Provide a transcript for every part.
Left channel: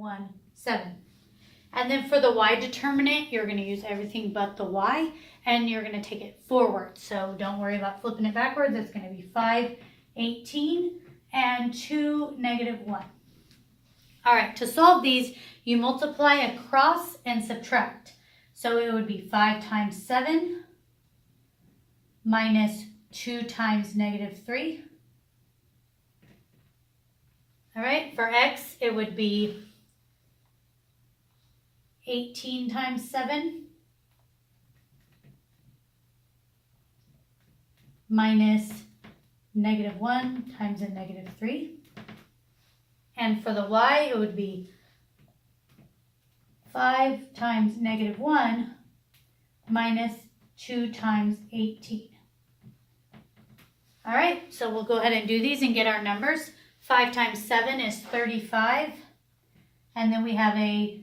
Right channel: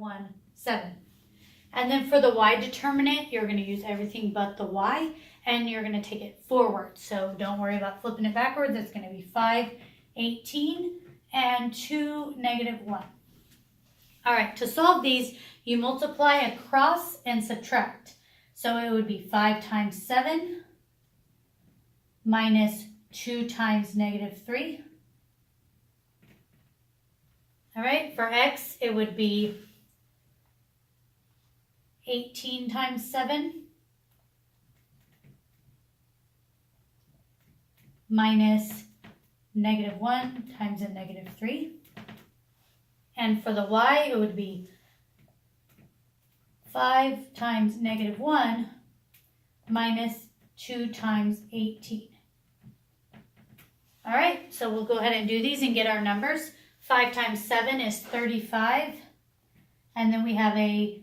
1, 7. And then for the y determinant, you're going to use everything but the y, and you're going to take it forward. So don't worry about flipping it backwards. It's going to be 5, 18, and 2, negative 1. All right, to solve these, you multiply across and subtract. So it would be 5 times 7 minus 2 times negative 3. All right, for x, it would be 18 times 7 minus negative 1 times a negative 3. And for the y, it would be 5 times negative 1 minus 2 times 18. All right, so we'll go ahead and do these and get our numbers. 5 times 7 is 35. And then we have a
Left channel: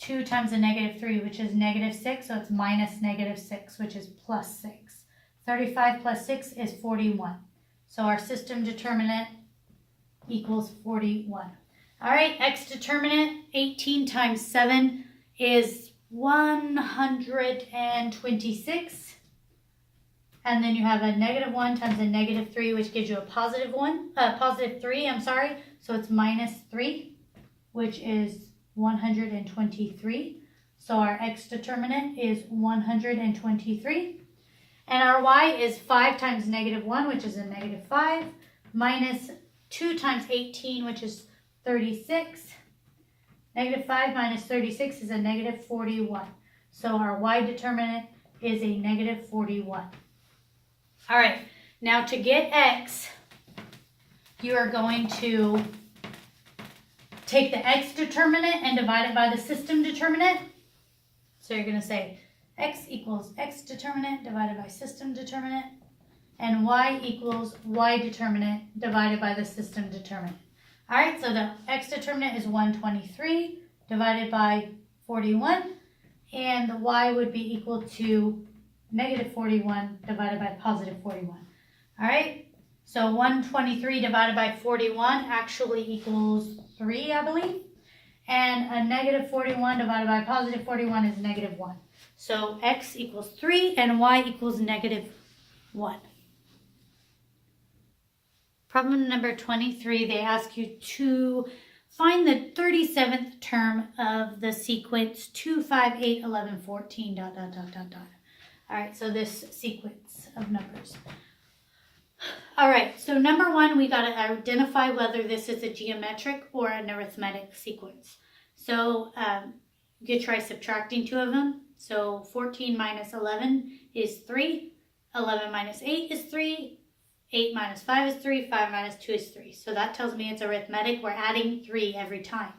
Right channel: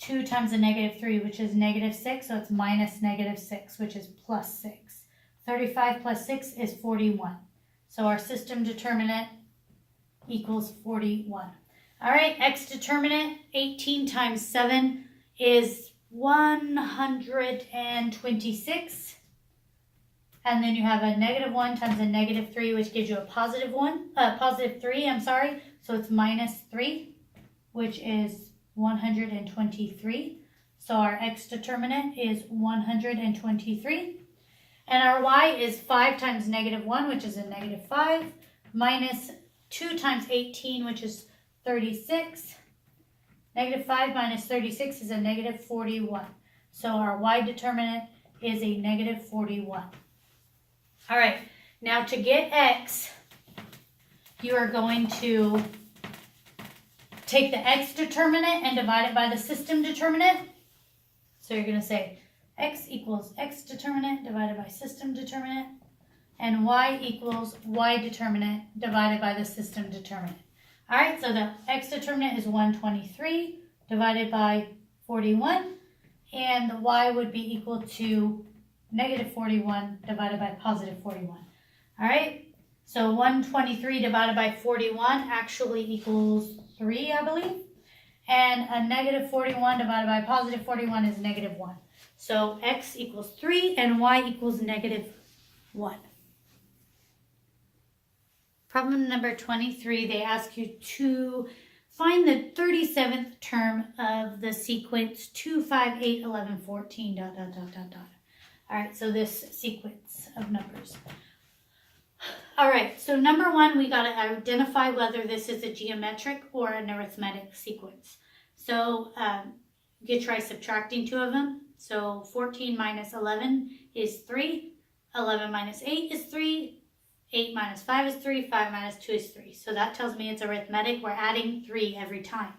2 times a negative 3, which is negative 6. So it's minus negative 6, which is plus 6. 35 plus 6 is 41. So our system determinant equals 41. All right, x determinant, 18 times 7 is 126. And then you have a negative 1 times a negative 3, which gives you a positive 3, So it's minus 3, which is 123. So our x determinant is 123. And our y is 5 times negative 1, which is a negative 5, minus 2 times 18, which is 36. Negative 5 minus 36 is a negative 41. So our y determinant is a negative 41. All right, now to get x, you are going to take the x determinant and divide it by the system determinant. So you're going to say x equals x determinant divided by system determinant, and y equals y determinant divided by the system determinant. All right, so the x determinant is 123 divided by 41, and the y would be equal to negative 41 divided by positive 41. All right, so 123 divided by 41 actually equals 3, I believe. And a negative 41 divided by positive 41 is negative 1. So x equals 3 and y equals negative 1. Problem number 23, they ask you to find the 37th term of the sequence 2, 5, 8, 11, 14, ... All right, so this sequence of numbers. All right, so number 1, we got to identify whether this is a geometric or an arithmetic sequence. So you could try subtracting 2 of them. So 14 minus 11 is 3. 11 minus 8 is 3. 8 minus 5 is 3. 5 minus 2 is 3. So that tells me it's arithmetic. We're adding 3 every time.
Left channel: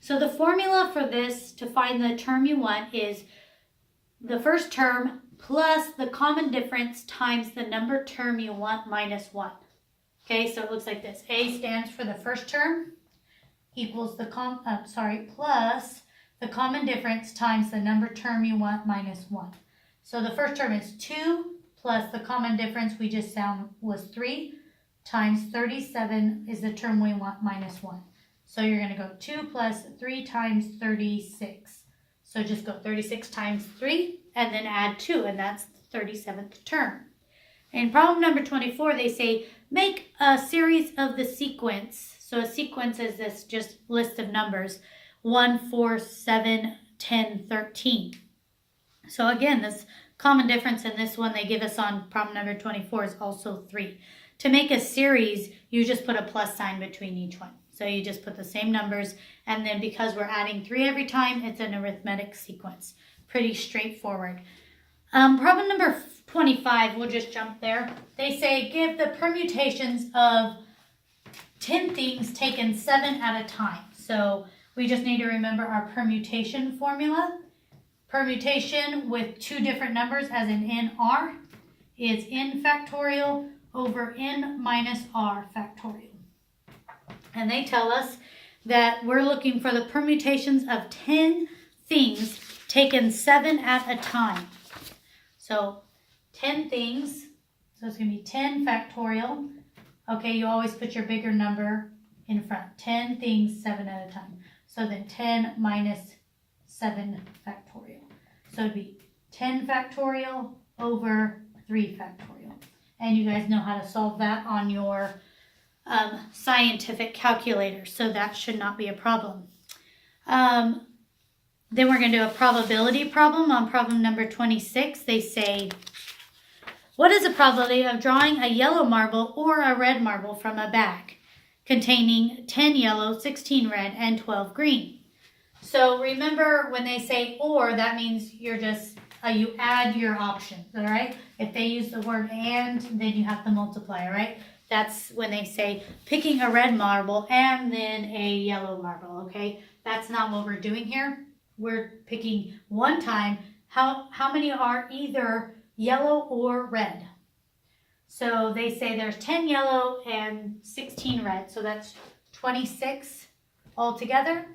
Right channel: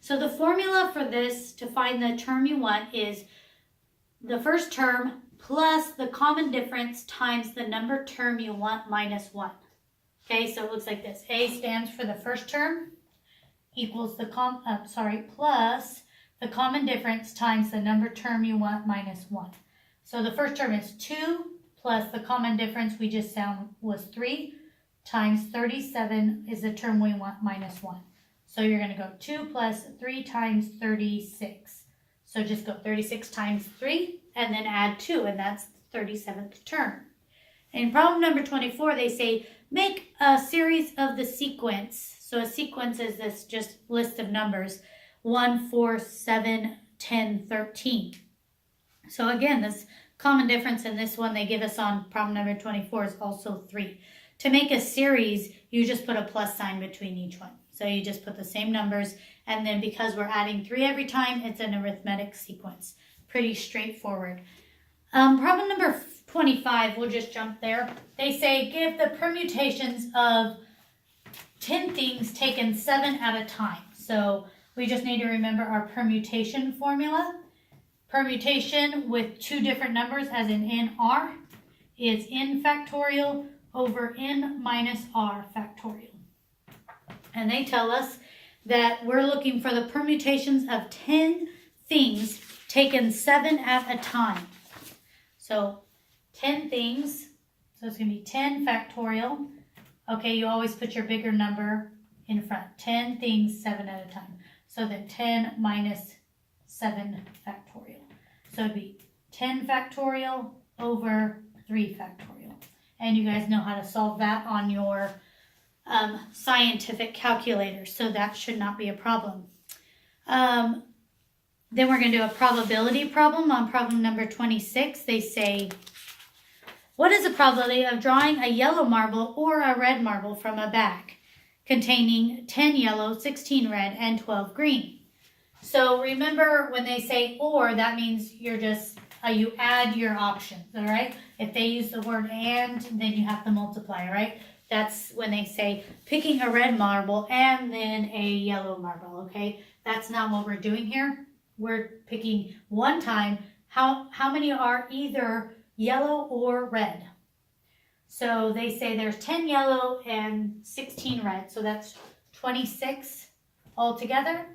So the formula for this to find the term you want is the first term plus the common difference times the number term you want minus 1. Okay, so it looks like this. A stands for the first term equals the plus the common difference times the number term you want minus 1. So the first term is 2 plus the common difference we just found was 3 times 37 is the term we want minus 1. So you're going to go 2 plus 3 times 36. So just go 36 times 3 and then add 2, and that's the 37th term. In problem number 24, they say make a series of the sequence. So a sequence is this just list of numbers, 1, 4, 7, 10, 13. So again, this common difference in this one they give us on problem number 24 is also 3. To make a series, you just put a plus sign between each one. So you just put the same numbers, and then because we're adding 3 every time, it's an arithmetic sequence. Pretty straightforward. Problem number 25, we'll just jump there. They say give the permutations of 10 things taken 7 at a time. So we just need to remember our permutation formula. Permutation with 2 different numbers, as in NR, is n factorial over n minus r factorial. And they tell us that we're looking for the permutations of 10 things taken 7 at a time. So 10 things, so it's going to be 10 factorial. Okay, you always put your bigger number in front. 10 things 7 at a time. So then 10 minus 7 factorial. So it'd be 10 factorial over 3 factorial. And you guys know how to solve that on your scientific calculator, so that should not be a problem. Then we're going to do a probability problem on problem number 26. They say, what is the probability of drawing a yellow marble or a red marble from a bag containing 10 yellow, 16 red, and 12 green? So remember when they say or, that means you're just, you add your options, all right? If they use the word and, then you have to multiply, all right? That's when they say picking a red marble and then a yellow marble, okay? That's not what we're doing here. We're picking one time how many are either yellow or red. So they say there's 10 yellow and 16 red, so that's 26 altogether.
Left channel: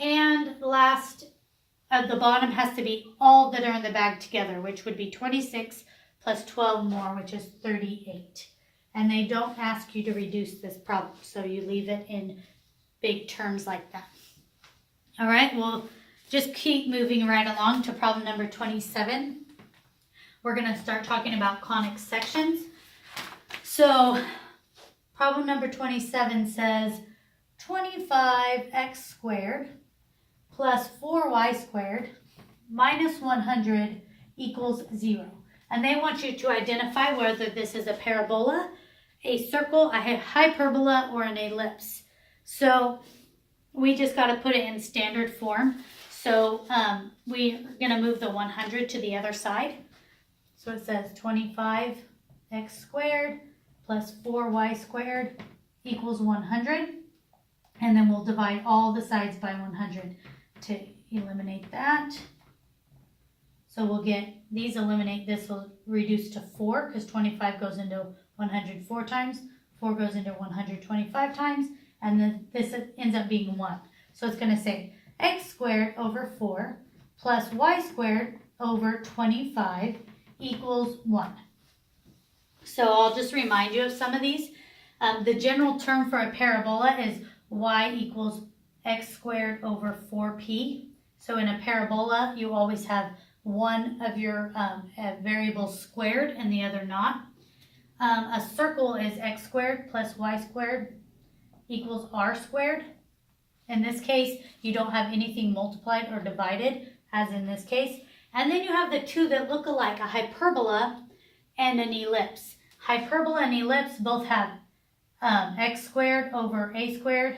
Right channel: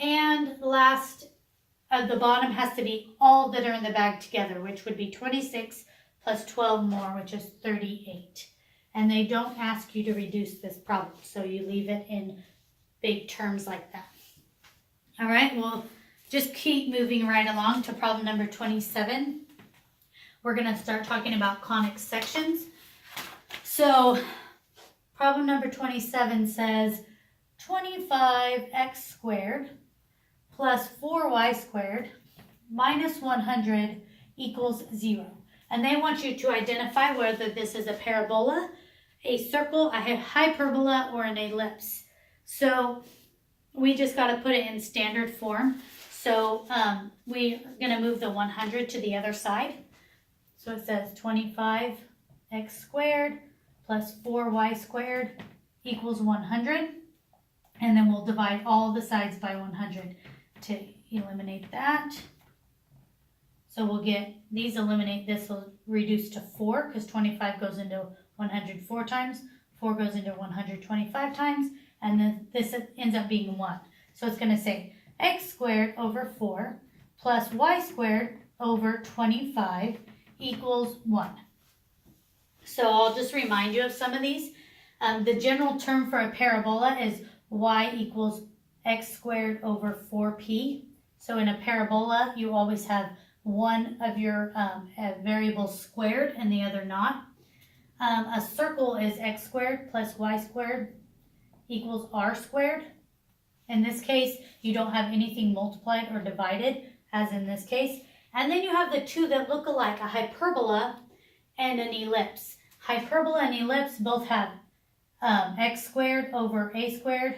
And last at the bottom has to be all that are in the bag together, which would be 26 plus 12 more, which is 38. And they don't ask you to reduce this problem, so you leave it in big terms like that. All right, we'll just keep moving right along to problem number 27. We're going to start talking about conic sections. So problem number 27 says 25x squared plus 4y squared minus 100 equals 0. And they want you to identify whether this is a parabola, a circle, a hyperbola, or an ellipse. So we just got to put it in standard form. So we're going to move the 100 to the other side. So it says 25x squared plus 4y squared equals 100. And then we'll divide all the sides by 100 to eliminate that. So we'll get, these eliminate, this will reduce to 4 because 25 goes into 100 4 times, 4 goes into 125 times, and then this ends up being 1. So it's going to say x squared over 4 plus y squared over 25 equals 1. So I'll just remind you of some of these. The general term for a parabola is y equals x squared over 4p. So in a parabola, you always have one of your variables squared and the other not. A circle is x squared plus y squared equals r squared. In this case, you don't have anything multiplied or divided, as in this case. And then you have the two that look alike, a hyperbola and an ellipse. Hyperbola and ellipse both have x squared over a squared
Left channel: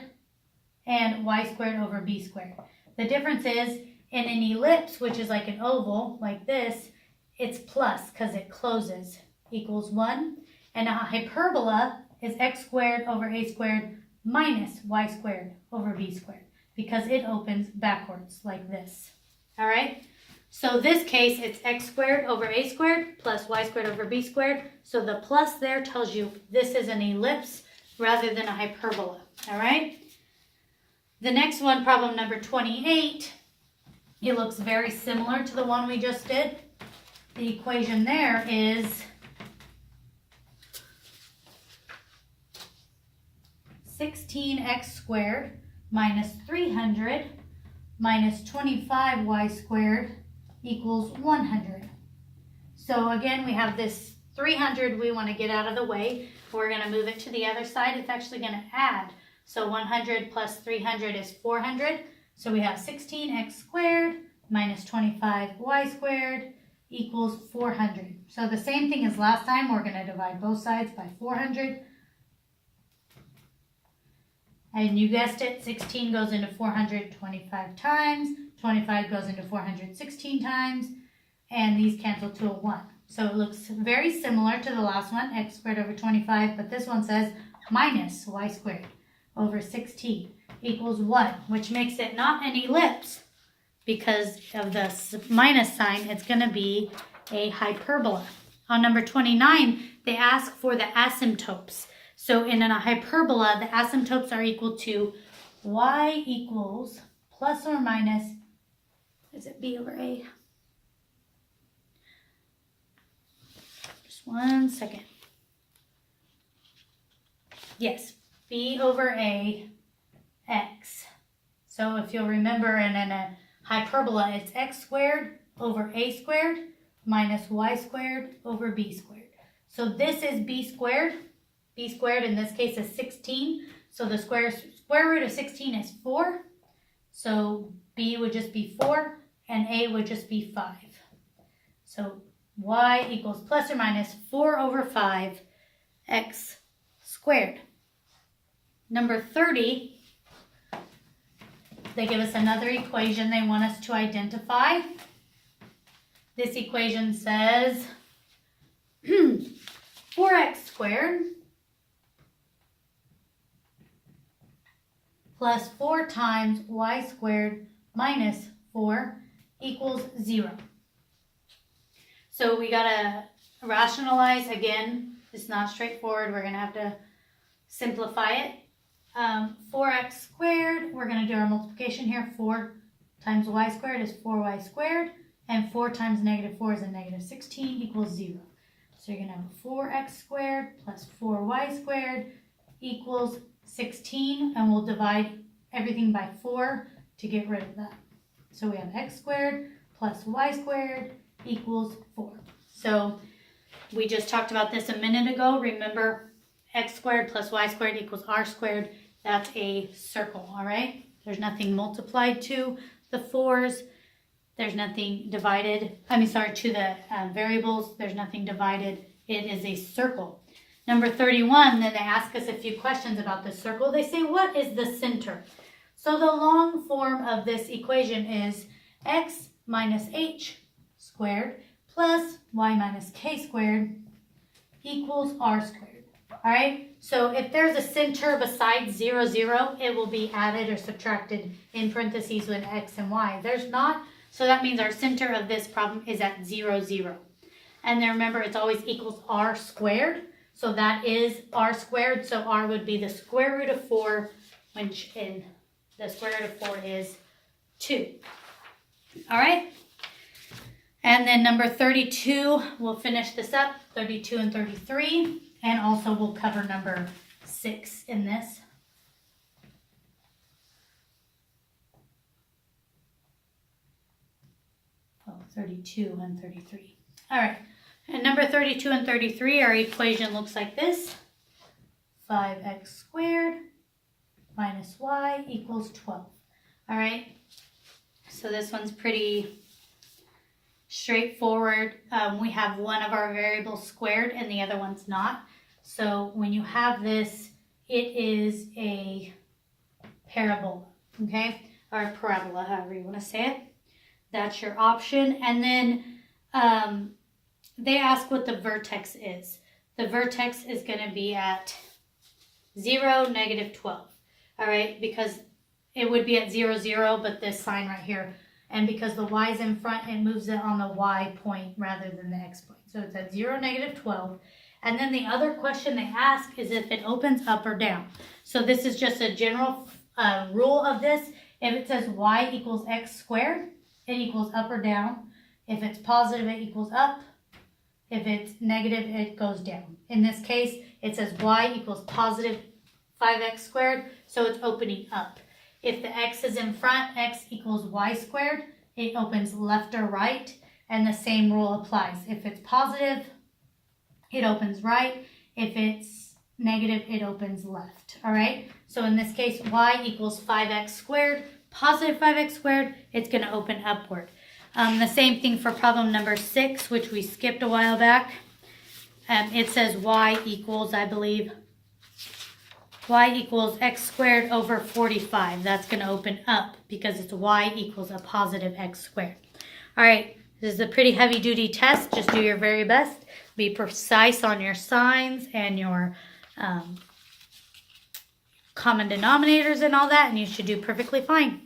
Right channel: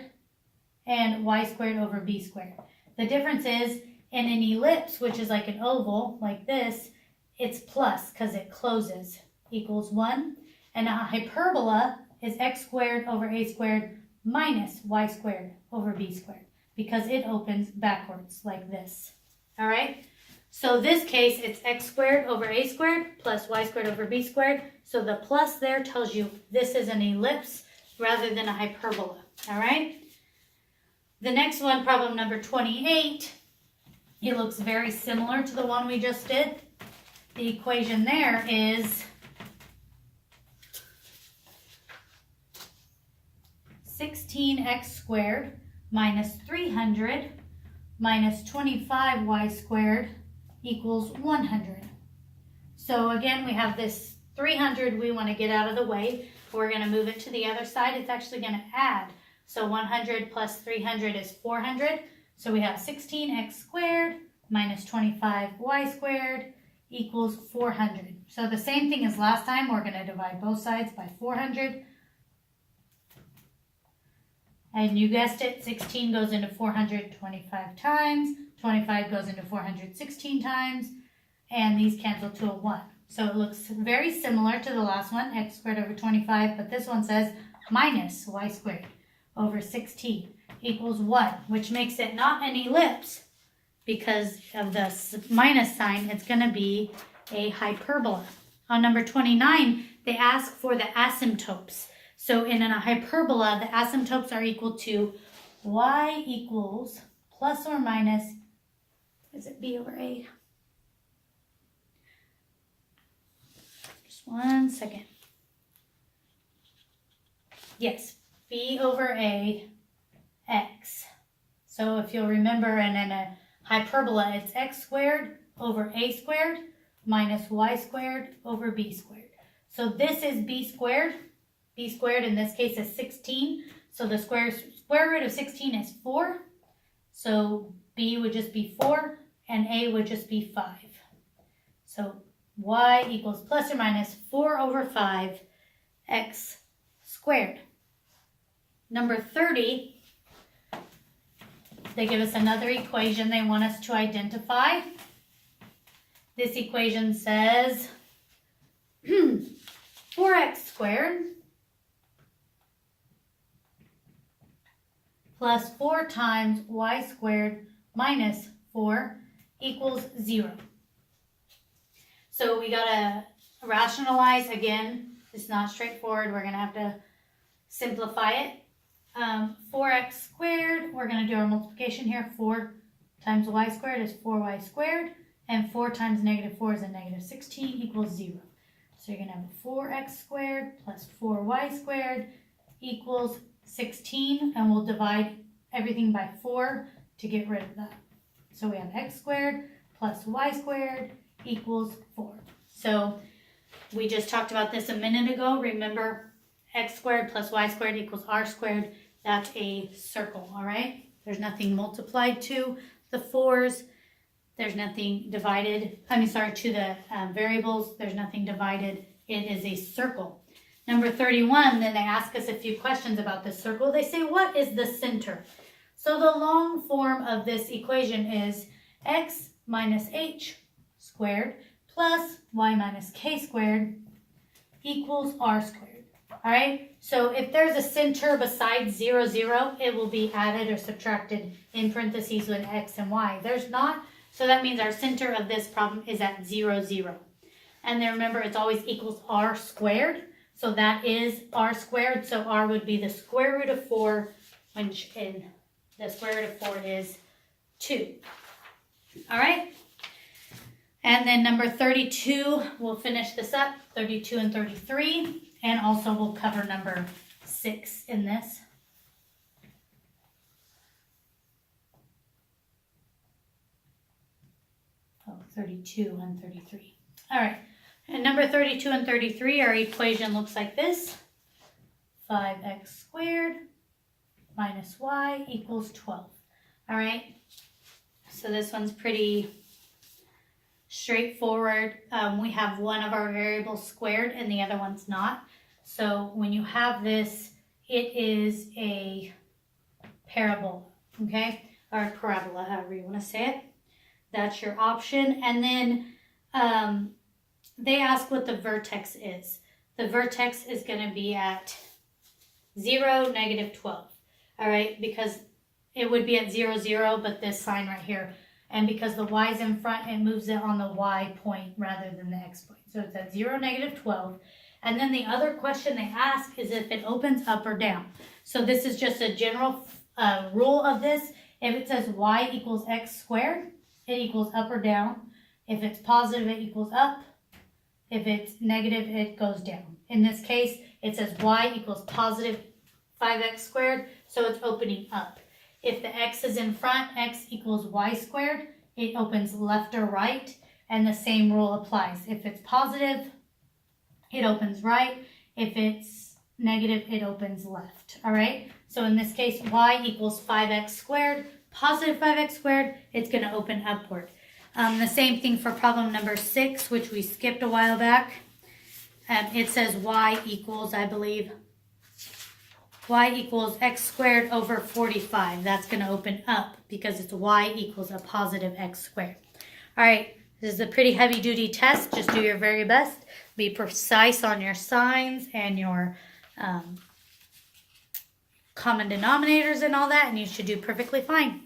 and y squared over b squared. The difference is, in an ellipse, which is like an oval, like this, it's plus because it closes, equals 1. And a hyperbola is x squared over a squared minus y squared over b squared because it opens backwards like this. All right? So this case, it's x squared over a squared plus y squared over b squared. So the plus there tells you this is an ellipse rather than a hyperbola. All right? The next one, problem number 28, it looks very similar to the one we just did. The equation there is 16x squared minus 300 minus 25y squared equals 100. So again, we have this 300 we want to get out of the way. We're going to move it to the other side. It's actually going to add. So 100 plus 300 is 400. So we have 16x squared minus 25y squared equals 400. So the same thing as last time. We're going to divide both sides by 400. And you guessed it, 16 goes into 425 times, 25 goes into 416 times, and these cancel to a 1. So it looks very similar to the last one, x squared over 25, but this one says minus y squared over 16 equals 1, which makes it not an ellipse because of the minus sign. It's going to be a hyperbola. On number 29, they ask for the asymptotes. So in a hyperbola, the asymptotes are equal to y equals plus or minus, is it b over a? Just one second. Yes, b over a x. So if you'll remember, and in a hyperbola, it's x squared over a squared minus y squared over b squared. So this is b squared. B squared in this case is 16. So the square root of 16 is 4. So b would just be 4 and a would just be 5. So y equals plus or minus 4 over 5 x squared. Number 30, they give us another equation they want us to identify. This equation says 4x squared plus 4 times y squared minus 4 equals 0. So we gotta rationalize again. It's not straightforward. We're gonna have to simplify it. 4x squared, we're gonna do our multiplication here. 4 times y squared is 4y squared, and 4 times negative 4 is a negative 16 equals 0. So you're gonna have 4x squared plus 4y squared equals 16, and we'll divide everything by 4 to get rid of that. So we have x squared plus y squared equals 4. So we just talked about this a minute ago. Remember, x squared plus y squared equals r squared. That's a circle, all right? There's nothing multiplied to the 4s. There's nothing divided. To the variables. There's nothing divided. It is a circle. Number 31, then they ask us a few questions about this circle. They say, what is the center? So the long form of this equation is x minus h squared plus y minus k squared equals r squared. All right, so if there's a center besides 0, 0, it will be added or subtracted in parentheses with x and y. There's not, so that means our center of this problem is at 0, 0. And then remember, it's always equals r squared. So that is r squared. So r would be the square root of 4, which in the square root of 4 is 2. All right. And then number 32, we'll finish this up, 32 and 33. And also we'll cover number 6 in this. Oh, 32 and 33. All right. And number 32 and 33, our equation looks like this. 5x squared minus y equals 12. All right. So this one's pretty straightforward. We have one of our variables squared and the other one's not. So when you have this, it is a parabola, okay? Or a parabola, however you want to say it. That's your option. And then they ask what the vertex is. The vertex is going to be at 0, negative 12. All right, because it would be at 0, 0, but this sign right here. And because the y is in front, it moves it on the y point rather than the x point. So it's at 0, negative 12. And then the other question they ask is if it opens up or down. So this is just a general rule of this. If it says y equals x squared, it equals up or down. If it's positive, it equals up. If it's negative, it goes down. In this case, it says y equals positive 5x squared, so it's opening up. If the x is in front, x equals y squared, it opens left or right, and the same rule applies. If it's positive, it opens right. If it's negative, it opens left, all right? So in this case, y equals 5x squared, positive 5x squared, it's going to open upward. The same thing for problem number 6, which we skipped a while back. It says y equals, I believe, y equals x squared over 45. That's going to open up because it's y equals a positive x squared. All right, this is a pretty heavy-duty test. Just do your very best. Be precise on your signs and your common denominators and all that, and you should do perfectly fine.